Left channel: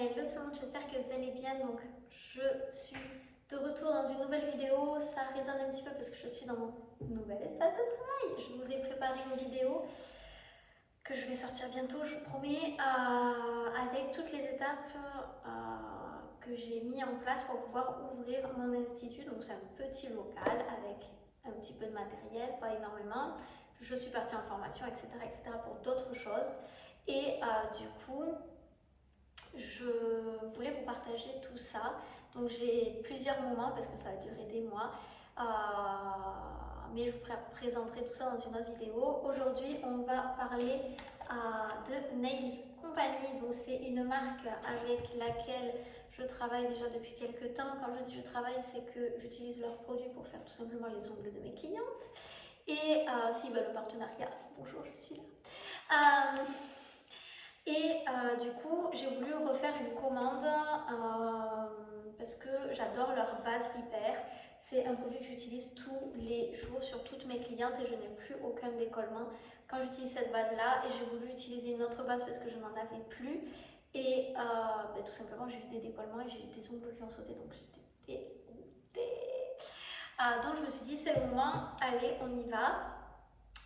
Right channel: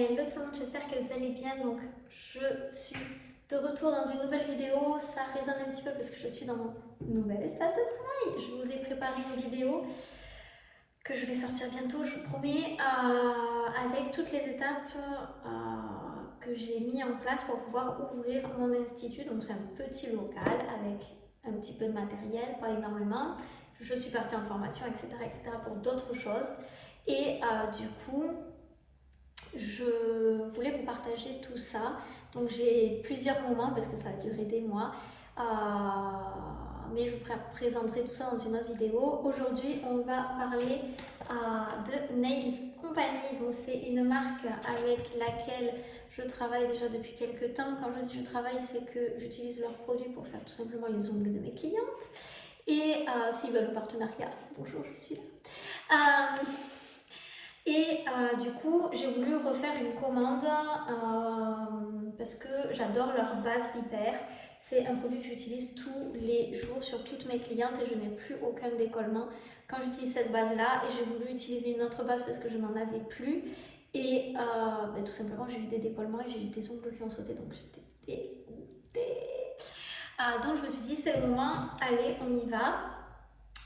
Hello tout le monde, j'espère que vous allez bien. Donc je suis de retour dans une nouvelle vidéo. Ça résonne un petit peu parce que je suis dans mon nouvel espace de travail. Je vous ai préparé une vidéo que je vais sortir bientôt, je vous promets, avec toutes les étapes que j'ai mis en place pour pouvoir ouvrir mon institut. Donc c'est un petit local avec un petit peu de matériel, pas énormément. Je suis partie en formation, etc. pour d'autres choses. Et du coup, je voulais vous partager tout ça. Donc j'ai plusieurs moments parce que ça a duré des mois. Mais je vous présenterai tout ça dans une autre vidéo. Aujourd'hui, on va parler de Nails Company. Donc c'est une marque avec laquelle je travaille déjà depuis quelques temps. Quand je dis je travaille, c'est que j'utilise leurs produits pour faire tout simplement les ongles de mes clientes. Et s'ils veulent le partenariat, bonjour, je suis là. Du coup, j'ai voulu refaire une commande parce que j'adore leur base Repair. C'est un produit que j'utilise tous les jours sur toutes mes clientes et je n'ai plus aucun décollement quand j'utilise cette base-là. Et j'ai voulu utiliser une autre base parce que je n'en avais plus. Et tout simplement, j'ai eu des décollements et j'ai eu des ongles qui ont sauté. Donc j'étais dégoûtée. Donc je me suis dit, c'est le moment, allez, on y va.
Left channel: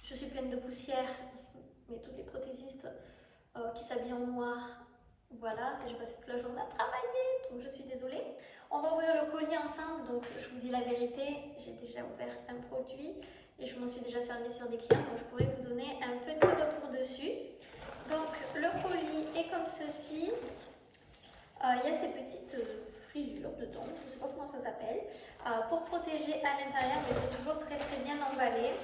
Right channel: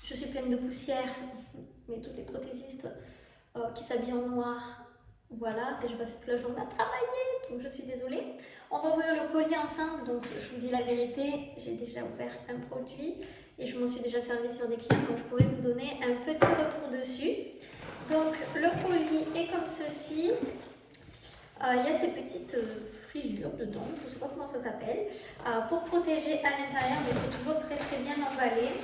Je suis pleine de poussière, mais toutes les prothésistes qui s'habille en noir. Voilà, j'ai passé toute la journée à travailler, donc je suis désolée. On va ouvrir le colis ensemble, donc je vous dis la vérité, j'ai déjà ouvert un produit et je m'en suis déjà servi sur des clients, donc je pourrais vous donner un petit retour dessus. Donc le colis est comme ceci. Il y a ces petites frisures dedans, je ne sais pas comment ça s'appelle, pour protéger à l'intérieur, mais c'est toujours très bien emballé.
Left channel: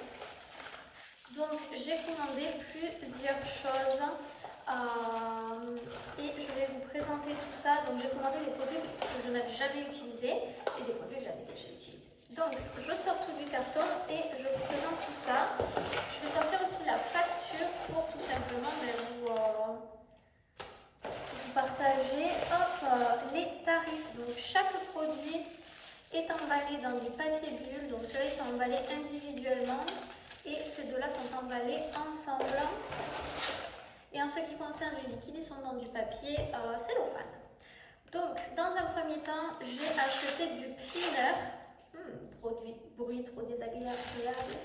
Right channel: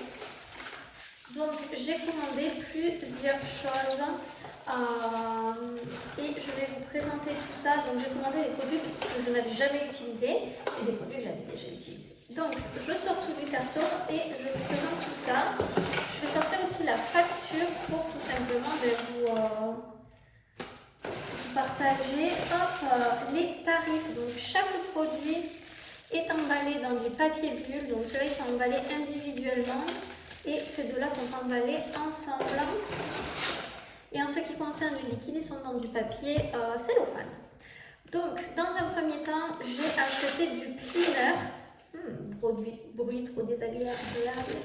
Donc j'ai commandé plusieurs choses et je vais vous présenter tout ça. Donc j'ai commandé des produits que je n'avais jamais utilisés et des produits que j'avais déjà utilisés. Donc je sors tout du carton et je vous présente tout ça. Je vais sortir aussi la facture pour tout simplement vous partager les tarifs. Donc chaque produit est emballé dans des papiers bulles. Donc ceux-là ils sont emballés individuellement. Et ces deux-là sont emballés ensemble. Et en ce qui concerne les liquides, ils sont dans du papier cellophane. Donc, dans un premier temps, j'ai acheté du cleaner. Bruit trop désagréable.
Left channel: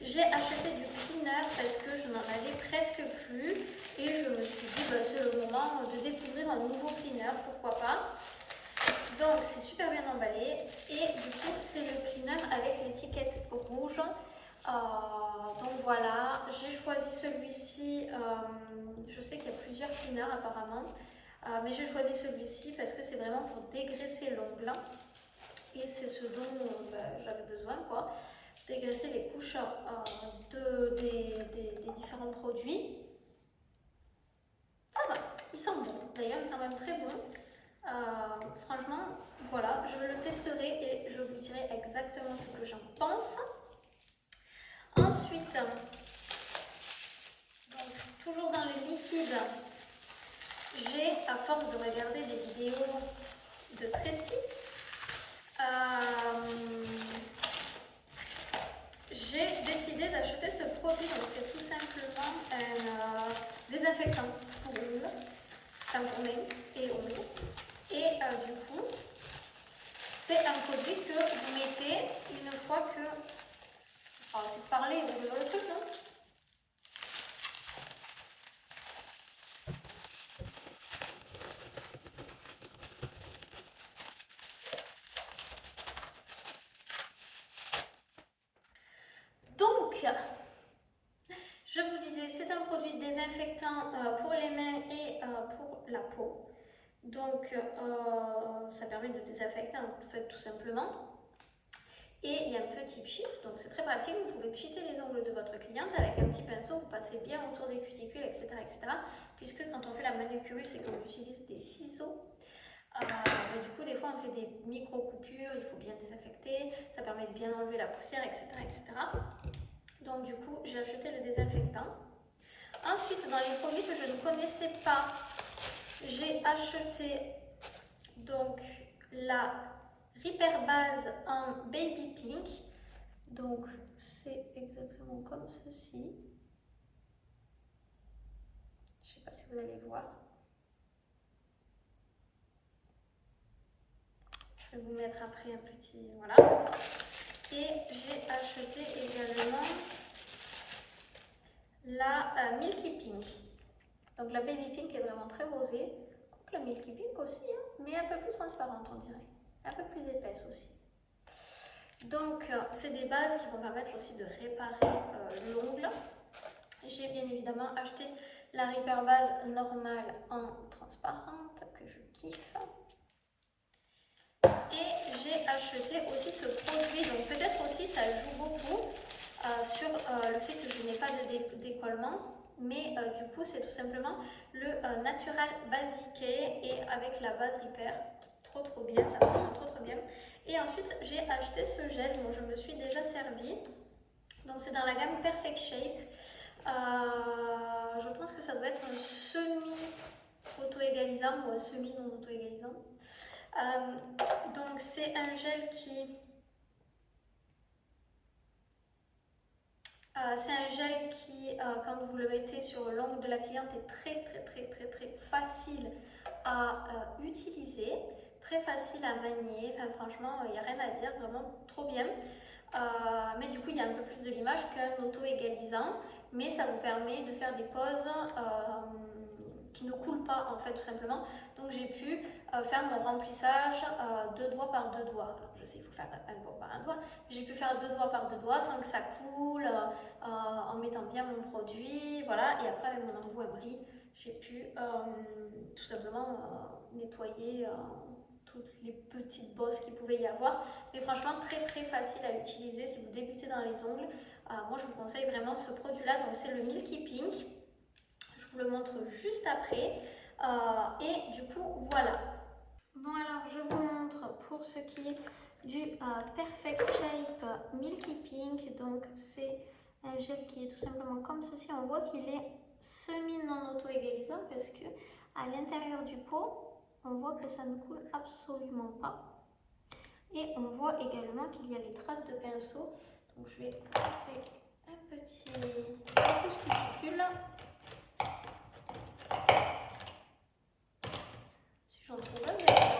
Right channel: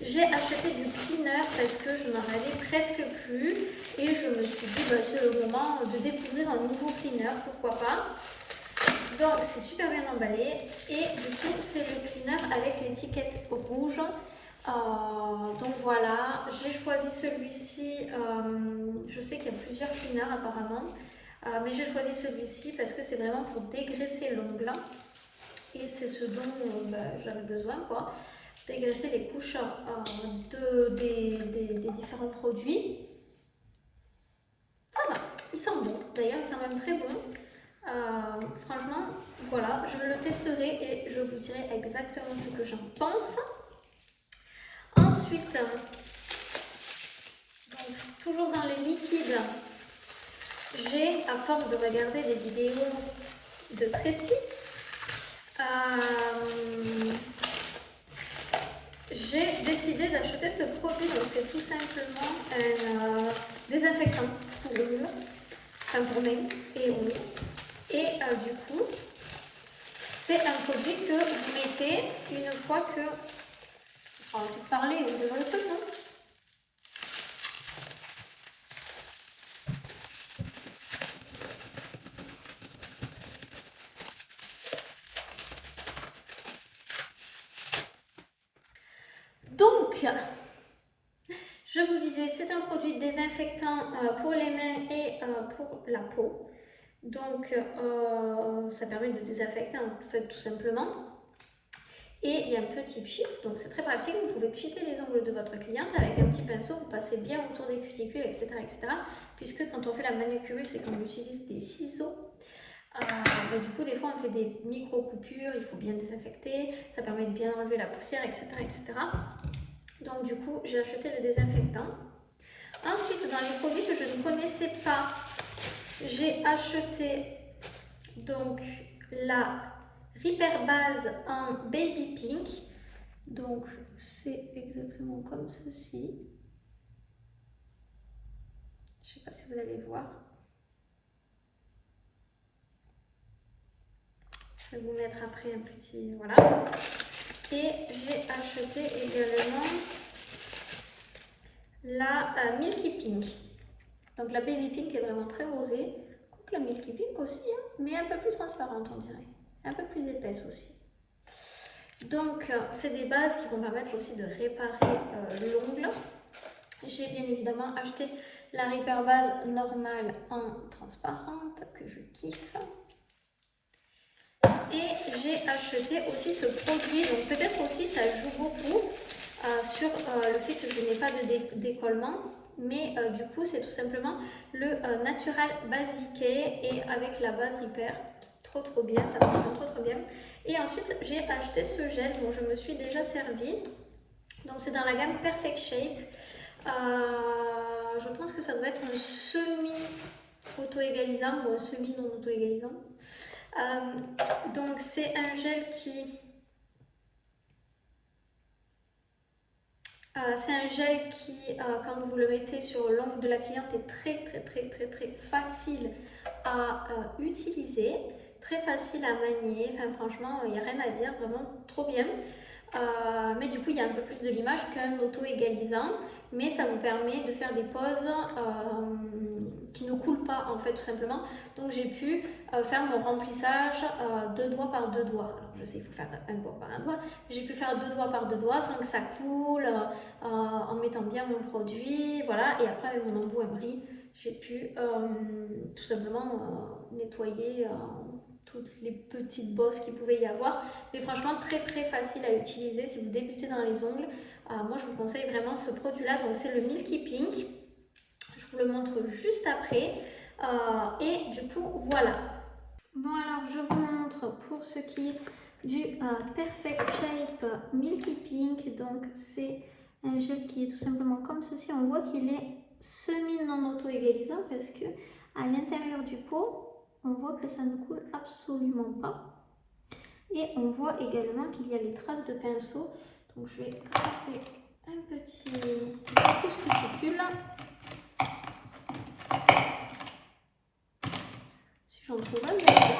J'ai acheté du cleaner parce que je n'en avais presque plus. Et je me suis dit, c'est le moment de découvrir un nouveau cleaner, pourquoi pas. Donc c'est super bien emballé et du coup c'est le cleaner avec l'étiquette rouge. Donc voilà, j'ai choisi celui-ci. Je sais qu'il y a plusieurs cleaners apparemment, mais j'ai choisi celui-ci parce que c'est vraiment pour dégraisser l'ongle et c'est ce dont j'avais besoin, quoi. Dégraisser les couches des différents produits. Ça va, il sent bon. D'ailleurs, il sent même très bon. Franchement, voilà, je le testerai et je vous dirai exactement ce que j'en pense. Ensuite, donc, toujours dans les liquides, j'ai, à force de regarder des vidéos de Tracy, j'ai décidé d'acheter ce produit. Donc c'est tout simplement un désinfectant pour ongles, enfin pour mains et ongles. Et du coup, c'est un produit que vous mettez une fois que... On va peut-être parler, on va le truc, non? Donc, je vous disais, c'est un produit désinfectant pour les mains et pour la peau. Donc, ça permet de désinfecter en fait tout simplement. Et il y a un petit pchit, donc c'est très pratique. Vous pouvez pchiter les ongles de votre cliente avec un petit pinceau. Vous passez bien autour des cuticules, etc. Puisque quand on fait la manucure et qu'on utilise des ciseaux, du coup, des fois, on fait des micro-coupures, il faut bien désinfecter, ça permet de bien enlever la poussière, etc. Donc, du coup, j'ai acheté le désinfectant. Ensuite, dans les produits que je ne connaissais pas, j'ai acheté donc la Repair Base en Baby Pink. Donc, c'est exactement comme ceci. Je ne sais pas si vous allez voir. Je vais vous mettre après un petit... Voilà. Et j'ai acheté également la Milky Pink. Donc la Baby Pink est vraiment très rosée. Donc la Milky Pink aussi, hein, mais un peu plus transparente on dirait. Un peu plus épaisse aussi. Donc c'est des bases qui vont permettre aussi de réparer l'ongle. J'ai bien évidemment acheté la Repair base normale en transparente que je kiffe. Et j'ai acheté aussi ce produit, donc peut-être aussi ça joue beaucoup sur le fait que je n'ai pas de décollement, mais du coup c'est tout simplement le Natural Basic et avec la base Repair, trop bien, ça fonctionne trop bien. Et ensuite j'ai acheté ce gel dont je me suis déjà servi, donc c'est dans la gamme Perfect Shape. Je pense que ça doit être un semi auto-égalisant ou un semi non auto-égalisant. Donc c'est un gel qui quand vous le mettez sur l'ongle de la cliente est très facile à utiliser, très facile à manier. Enfin franchement il n'y a rien à dire, vraiment trop bien. Mais du coup il y a un peu plus de l'image qu'un auto-égalisant, mais ça vous permet de faire des poses qui ne coulent pas en fait tout simplement. Donc j'ai pu faire mon remplissage 2 doigts par 2 doigts. Alors je sais il faut faire un doigt par un doigt, mais j'ai pu faire 2 doigts par 2 doigts sans que ça coule, en mettant bien mon produit, voilà. Et après avec mon embout emery, j'ai pu tout simplement nettoyer toutes les petites bosses qu'il pouvait y avoir, mais franchement très facile à utiliser si vous débutez dans les ongles. Moi je vous conseille vraiment ce produit là, donc c'est le Milky Pink, je vous le montre juste après. Et du coup voilà. Bon alors je vous montre pour ce qui est du Perfect Shape Milky Pink, donc c'est un gel qui est tout simplement comme ceci. On voit qu'il est semi non auto-égalisant parce que à l'intérieur du pot on voit que ça ne coule absolument pas. Et on voit également qu'il y a les traces de pinceau. Donc je vais attraper un petit pouce cuticule. Si j'en trouve un, bien sûr.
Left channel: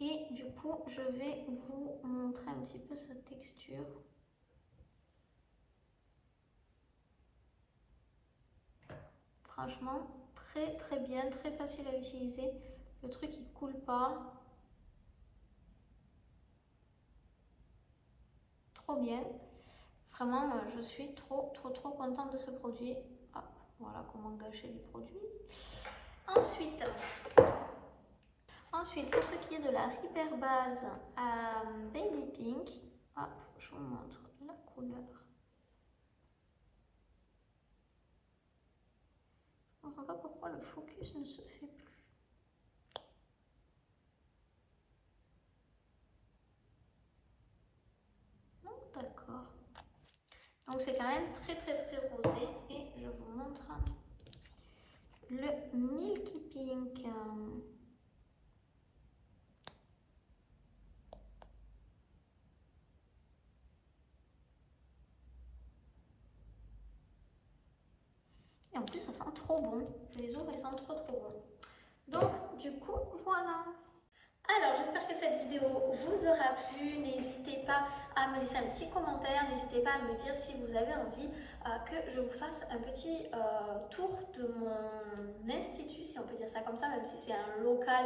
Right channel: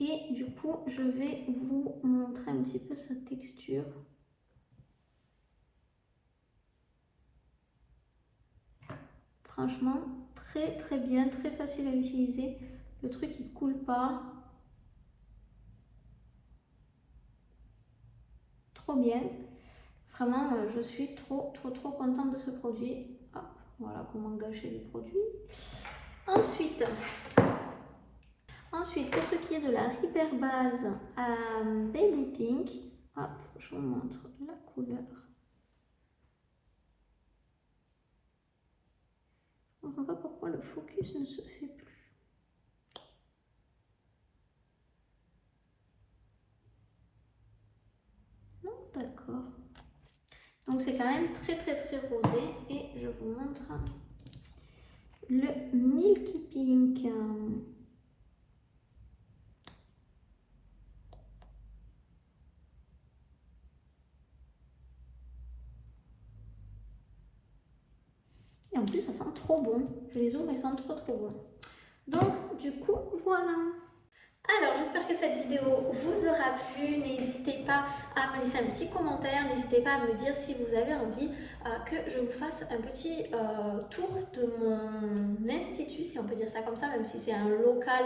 Et du coup, je vais vous montrer un petit peu sa texture. Franchement, très bien, très facile à utiliser. Le truc il coule pas. Trop bien. Vraiment, je suis trop contente de ce produit. Hop, voilà comment gâcher les produits. Ensuite, pour ce qui est de la Repair base Baby Pink, hop, je vous montre la couleur. Je ne comprends pas pourquoi le focus ne se fait plus. Non, d'accord. Donc c'est quand même très rosé et je vous montre le Milky Pink. Et en plus ça sent trop bon. Je les ouvre et ils sentent trop bon. Donc du coup voilà. Alors j'espère que cette vidéo vous aura plu, n'hésitez pas à me laisser un petit commentaire, n'hésitez pas à me dire si vous avez envie que je vous fasse un petit tour de mon institut, si on peut dire ça comme ça, même si c'est un local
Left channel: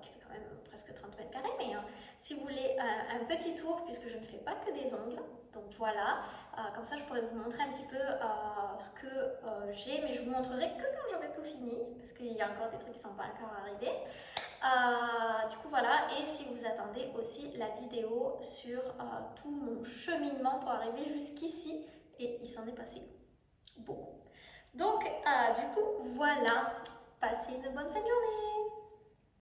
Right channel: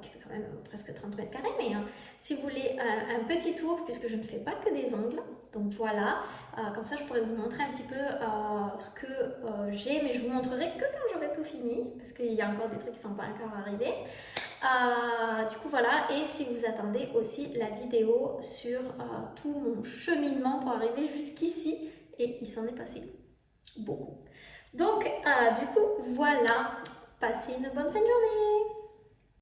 qui fait quand même presque 30 mètres carrés, mais si vous voulez un petit tour, puisque je ne fais pas que des ongles, donc voilà, comme ça je pourrais vous montrer un petit peu ce que j'ai, mais je vous montrerai que quand j'aurai tout fini, parce qu'il y a encore des trucs qui ne sont pas encore arrivés. Du coup voilà, et si vous attendez aussi la vidéo sur tout mon cheminement pour arriver jusqu'ici, et il s'en est passé beaucoup. Donc du coup voilà, passez une bonne fin de journée.